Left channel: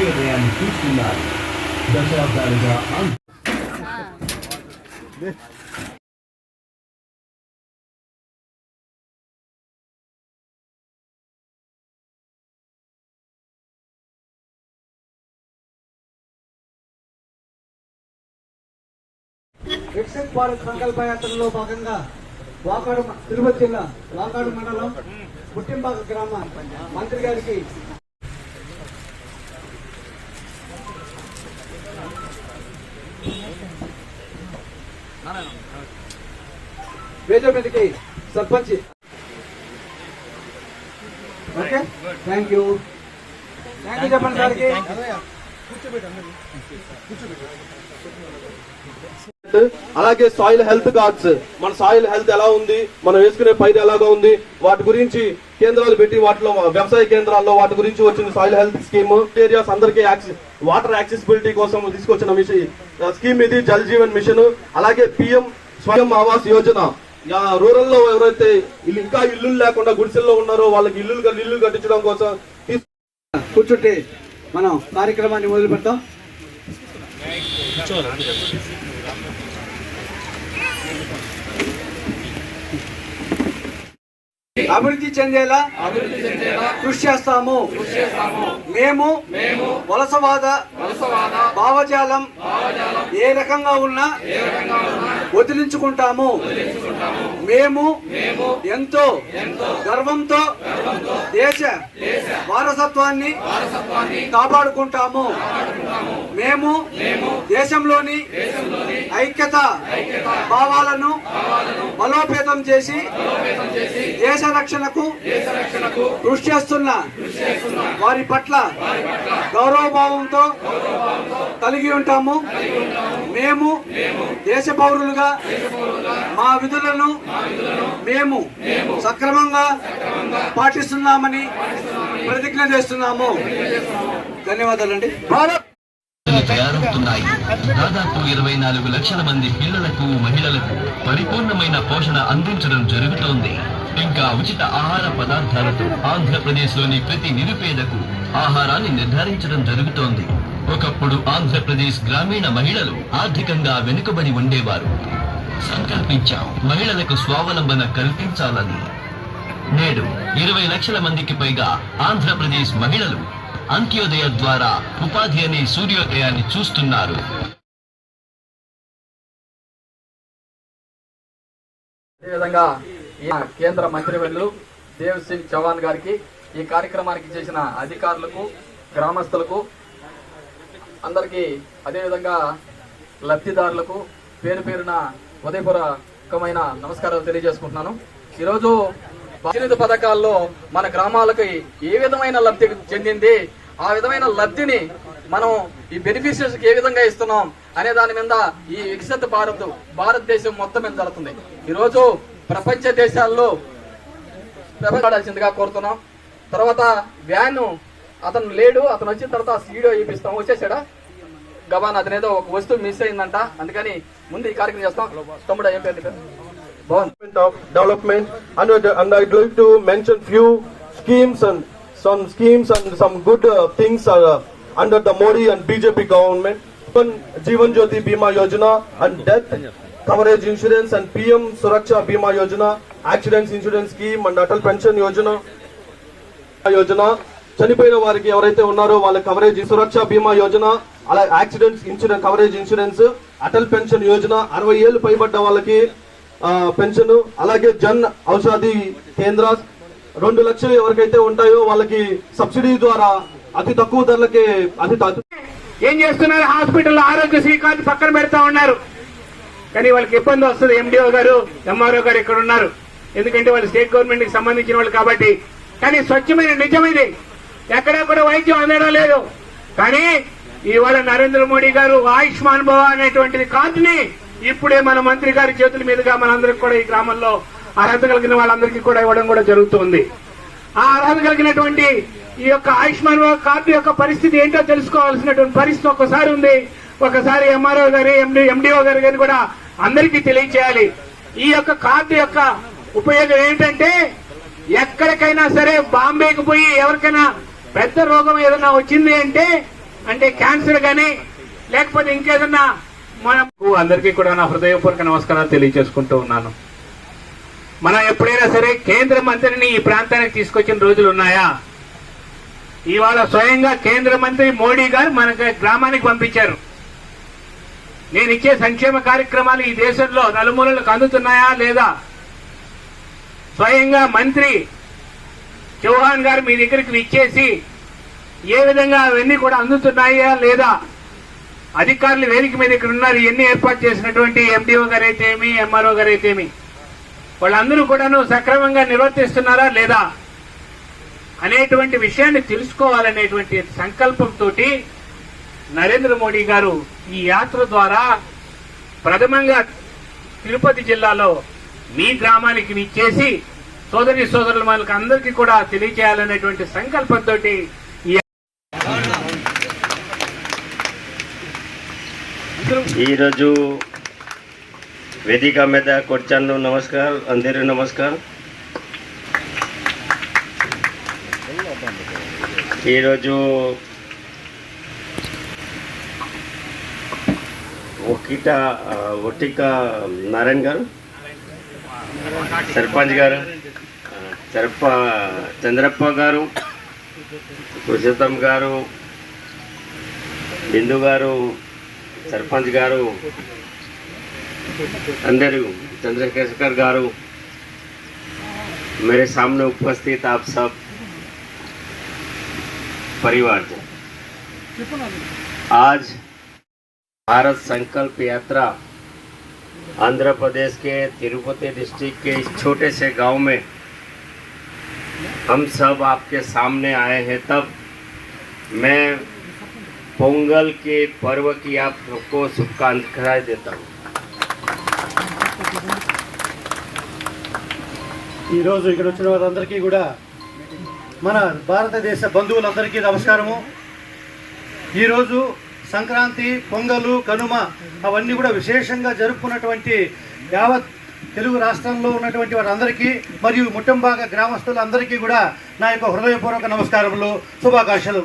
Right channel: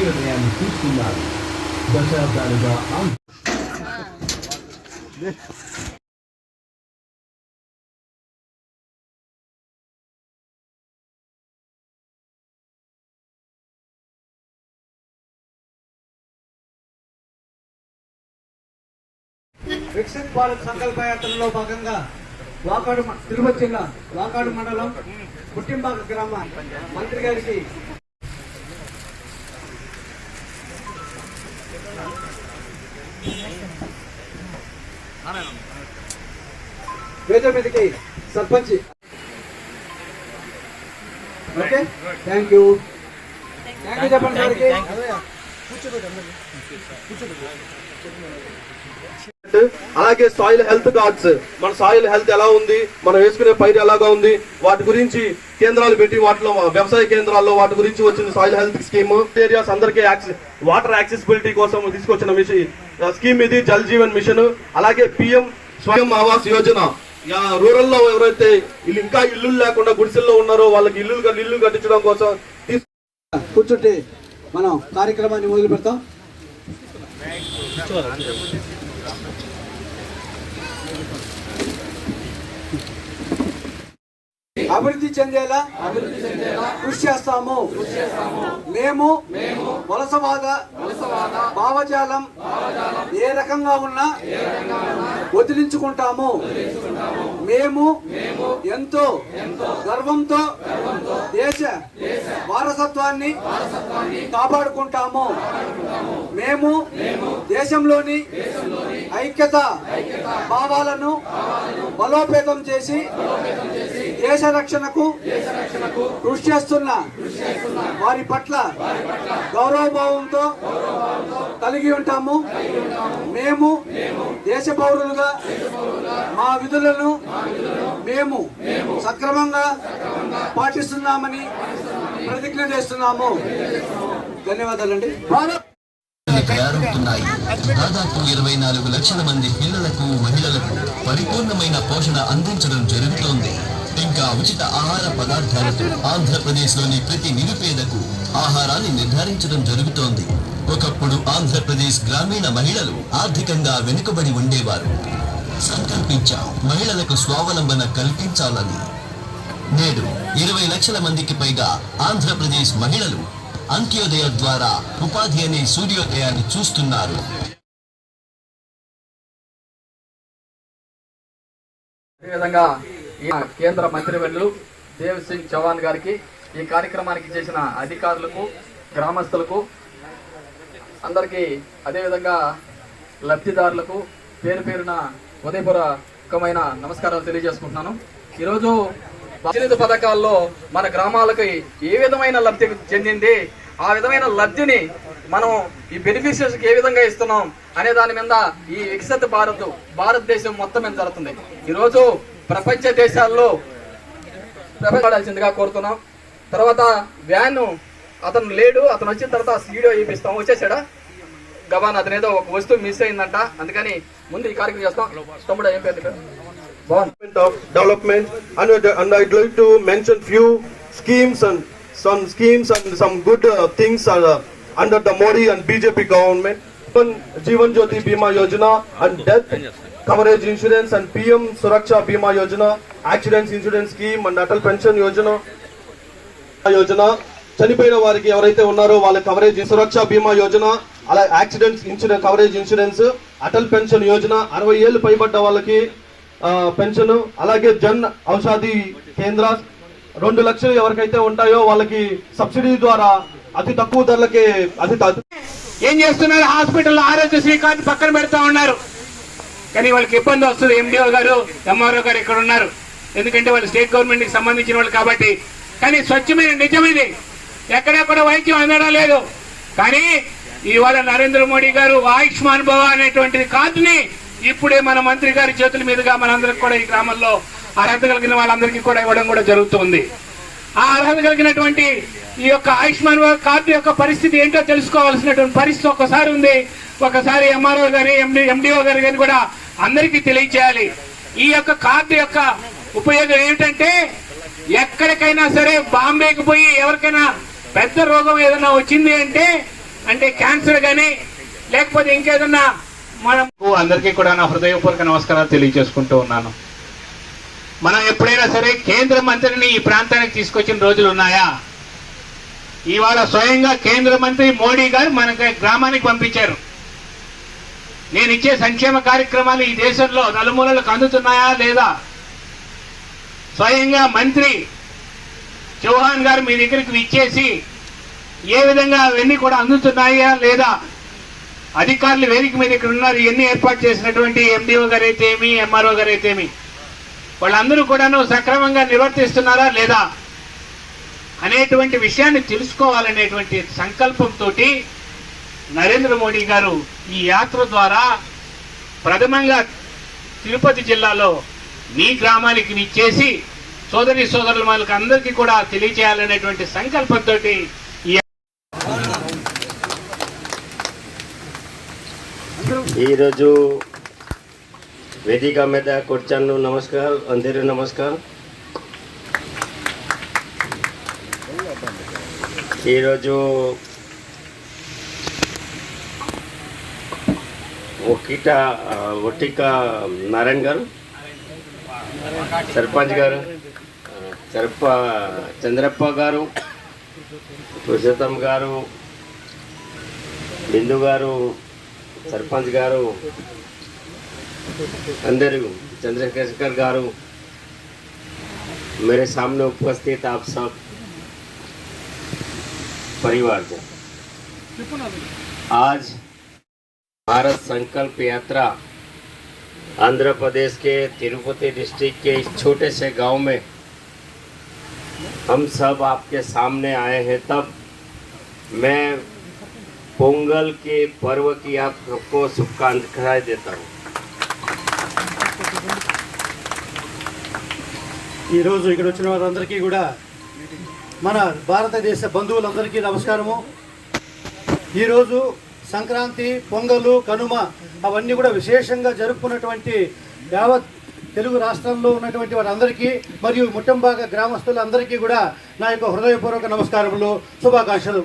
కోశాధికారిగా వికసిత్ భారత్ సంకల్ప యాత్రలో భాగంగా వాకాడు తిరుపతి జిల్లా వాకాడు మండలం పుట్టింబాక గ్రామ మంత్రి గారికి వేద మీదకి sarpanch. Okay? Thank you thank you చెప్పండి సార్కి. అలాగే సాయిల్ హెల్త్ కార్డ్స్ మన సాయిల్ హెల్త్ ఎలా ఉంది మనం వేసుకునే పైరు ఎలాగా ఉంది వాటి గురించి కేంద్రాలు పెట్టి వాటిలో వ్యవసాయ కేంద్రాల్లో వాటి గురించి వచ్చిన సాయిల్ హెల్త్ స్కీమ్ ఏరియాస్ అందరికీ యాక్సెస్ వాటర్ యాక్సెసిబిలిటీ కోసం తీసుకొచ్చిన మిషన్ స్కీమ్ ఇది జల్ జీవన్ మిషన్. అలాగే పిఎం స్వయం ఆవాస్ యోజన. రూరల్లో ఎవరైతే ఇల్లు ఇంకా ఇల్లు లేకుండా గుడిసెల్లో ఉన్నారో వాళ్ళకి ఇల్లు ఇల్లు కట్టించడం కోసం కూర్చుంటే మనం కార్యక్రమాన్ని మొదలు పెడతాం అభివృద్ధి చెందేలా కృషి చేస్తాము. మేము వలసవాద భావజాలం ఏ రకంగా ఉన్నా వదిలించుకుంటాము. మేము ఎంతో గర్వంతో దేశ వారసత్వాన్ని కాపాడుకుంటాము. మేము దేశంలోని ఐక్యత భావాలను బలోపేతం చేసి దేశ రక్షణకు కృషి చేస్తున్న వారి పట్ల గౌరవభావంతో కలిగి ఉంటాము. మేము దేశ పౌరులుగా మా విధులను మేము సక్రమంగా పాటిస్తున్నామని ప్రతిజ్ఞ చేస్తున్నాము. ధన్యవాదాలండి. భారత్ తయారవుతున్నాయి దాదాపు ఇరవై నాలుగు లక్షల మంది పిల్లలకు మహిళలకు పరిపూర్ణమైన పోషణ అందించడం జరుగుతోంది. ఇంకా ఉచిత ఆహార పదార్థాలతో ఆంధ్రప్రదేశ్లోని ప్రతి నిరుపేదకు ఆహారాన్ని నిర్ధారించడం జరుగుతోంది. ఒకప్పుడు ఆంధ్రప్రదేశ్ గ్రామీణ మహిళలు ఆర్థికంగా వెనుకబడి ఉండేవారు. సంకల్పించాం మహిళలకు స్వావలంబన కల్పించాలని. నేడు ఇరవై లక్షల మందికి పైగా ఆంధ్రప్రదేశ్ మహిళలు అంత్యోదయ ద్వారా ఉపాధి అనే సూర్యోదయాన్ని చూస్తున్నారు. అదేవిధంగా కేంద్ర మంత్రివర్యులు దేవ్ సింగ్ చౌహాన్ గారికి ఈ కార్యక్రమానికి చేసిన అధికారులకు గ్రామస్తులకు అందరికీ అదేవిధంగా లబ్ధిదారులకు పేరు పేరున ఉదయపూర్వకమైన నమస్కారాలు తెలియజేసుకుంటున్నాను. ఈరోజు ప్రతినిధి పథకాల్లో మన గ్రామాలకు ఏ విధమైన లబ్ధి చెందింది ఆ విధమైన లబ్ధిని మనం ఈ బెనిఫిషియర్స్ ఏ విధంగా ఇస్తున్నాం అనే దాని మీద ఈ వికసిత భారత్ భారతదేశం మొత్తం మీద జరుగుతుంది. ఈరోజు ప్రపంచ దేశాల్లో ప్రపంచాల్సిందిగా కోరుతున్నాం తర్వాత వ్యాన్ అతను లేడు అతను వచ్చిన తర్వాత వీడియో చూపిస్తాం వచ్చేసాడా గబాన్ అతను ఏదో ఒక వస్తువు మిస్ అయిందంట అందుకని ముందు ఈ కార్యక్రమం చేస్తాం తమ్ముడు ఏం పేరు of development and, and I'd like to mention few schemes and some schemes and some good uh, things are, uh, under the Modi and BJP government. Jeevan Jeevan Jyoti Bima Yojana and death coverage insurance and PM Suraksha Bima Yojana, accidents insurance scheme and Atal Pension Yojana. Yojana చనిపోయిన వారికి ఎవరైతే ఉన్నారో వాళ్ళ coverage సురక్ష బీమా యోజన అలా accidents insurance coverage insurance Atal pension Yojana అరవై ఏళ్ళు పైబడ్డ వాళ్ళకి pension అలాగే జన్ ఔషధి కేంద్ర రెండు లక్షలు ఎవరికైతే ఉంటాయో వాళ్ళకి సబ్సిడీ ద్వారా అతి తక్కువ ధరలకే అతి తక్కువ ఏం చేస్తున్నారు? హాస్పిటల్లో ఆరోగ్యశ్రీ కార్డు పక్కన పెడతా ఉన్నారు. కానీ వాళ్ళకి ఇబ్బంది వస్తుంది. ఎండిఓ గారు ఎంఆర్ఓ గారు ఇక్కడ ఉన్నారు. ఎందుకంటే వాళ్ళు స్టేట్ గవర్నమెంట్కి సంబంధించిన వాళ్ళు కాబట్టి. కానీ స్వచ్ఛమైన నిజమిది ఎక్కడెక్కడ వైద్యం అందడం లేదు. కానీ ఇవాళ నరేంద్ర మోడీ గారు ఆయుష్మాన్ భవ అనేటువంటిది కార్డుని ఇప్పుడే మన మంత్రి గారి చేతుల మీదుగా మనందరికి కూడా ఈ గ్రామంలో అర్హత కలిగిన వాళ్ళందరికీ కూడా ఇవ్వడం కూడా జరుగుతుంది ఆ అర్హత కలిగినటువంటి ఈ యొక్క ఆయుష్మాన్ కార్డు యొక్క పరిస్థితి ఏంటో తెలుసుకోవాల్సినటువంటి పరిస్థితి ఒకసారి ఉంది. ఒకసారి ఎంఆర్ఓ గారి ఎండి ఎండిఓ గారి గారిని కూడా అందరికీ తెలియచేయాలి. ఈ యొక్క కార్డు యొక్క ఉపయోగం ఏంటంటే ఎక్కడికైనా సరే బాంబేకి పోయి ఎవరికైనా పెద్ద రోగం ఏదైనా వచ్చింది అంటే అంటే క్యాన్సర్ గాని లేకపోతే ఇంకేదన్నా మనం అందరికీ కూడా నా హృదయపూర్వక నమస్కారాలు తెలియజేసుకుంటూ ఉన్నాను. మనం ఎప్పుడైనా సరే కేంద్ర మంత్రిని ఈ ప్రాంతానికి తీసుకొచ్చిన రోజులు ఉన్నాయా? ఇవాళ స్వయంగా కేంద్ర మంత్రి మోడీ గారు మన గ్రామానికి పంపించారు. నేను ఇచ్చే సంక్షేమ కార్యక్రమాలు ఈ దేశంలో నలుమూలలకు అందుతున్నాయా లేదా? స్వయంగా మంత్రి చౌహాన్ గారు మీ దగ్గరికి ఇచ్చేసి ఏ విధంగా అవన్నీ కూడా అందుతున్నాయా లేదా? అధికారులు వేదిక మీద ఇక్కడ ఉన్నారు. ఇవన్నీ ఏర్పాటు చేసినటువంటి ఎండిఓ గారు అయితేమి ఎంఆర్ఓ గారు అయితేమి వాళ్ళందరూ కూడాను సక్రమంగా నిర్వర్తిస్తున్నారా లేదా అనేటువంటి విషయాన్ని తెలుసుకోవాలనేటువంటి సంకల్పంతో నరేంద్ర మోడీ గారు ఈ యాత్ర ద్వారా ప్రథమంగా తిరుపతి జిల్లాలో మీ గ్రామానికి నిచ్చేసి సోదరి సోదరుల మనకు అందరికీ కూడా తెలియచేయాలనేటువంటి సంకల్పంతో ఈరోజు వేదికా మీద కూర్చాను నమస్కారం. అందరూ నమస్కారం. ఈరోజు ఒకిట ఒట్టిక నారాయణ గారు సర్పంచ్ గారు సర్ప చంద్రప్ప గారు పురుషోత్తం గారు బిందు గారు సర్పంచ్ గారు అందరూ चंद्रशेखर गारू मेरे सामने उपस्थित आप सब परिवार जन आज भारत संकल्प यात्रा आंध्र प्रदेश के तिरुपति डिस्ट्रिक्ट के इस छोटे से गांव में हम सब आपके सामने आए हैं तब मैं पोंगल के पर्व की आपको शुभकामनाएं देता हूँ ఈరోజు ఇక్కడ వచ్చిన వారందరికీ కూడా మన భారతదేశ బంధువులందరికీ నమస్కారము. ఈరోజు సంక్రాంతి పొంగలు కనుమ అవన్నీ కూడా విశేషంగా జరుపుకున్నటువంటి యావత్ తెలుగు రాష్ట్రంలో ఉన్నటువంటి వారందరికీ మరియు ముట్టంబాగ గ్రామస్తులందరికీ కూడా నా యొక్క హృదయపూర్వక నమస్కారములు శుభాకాంక్షలు.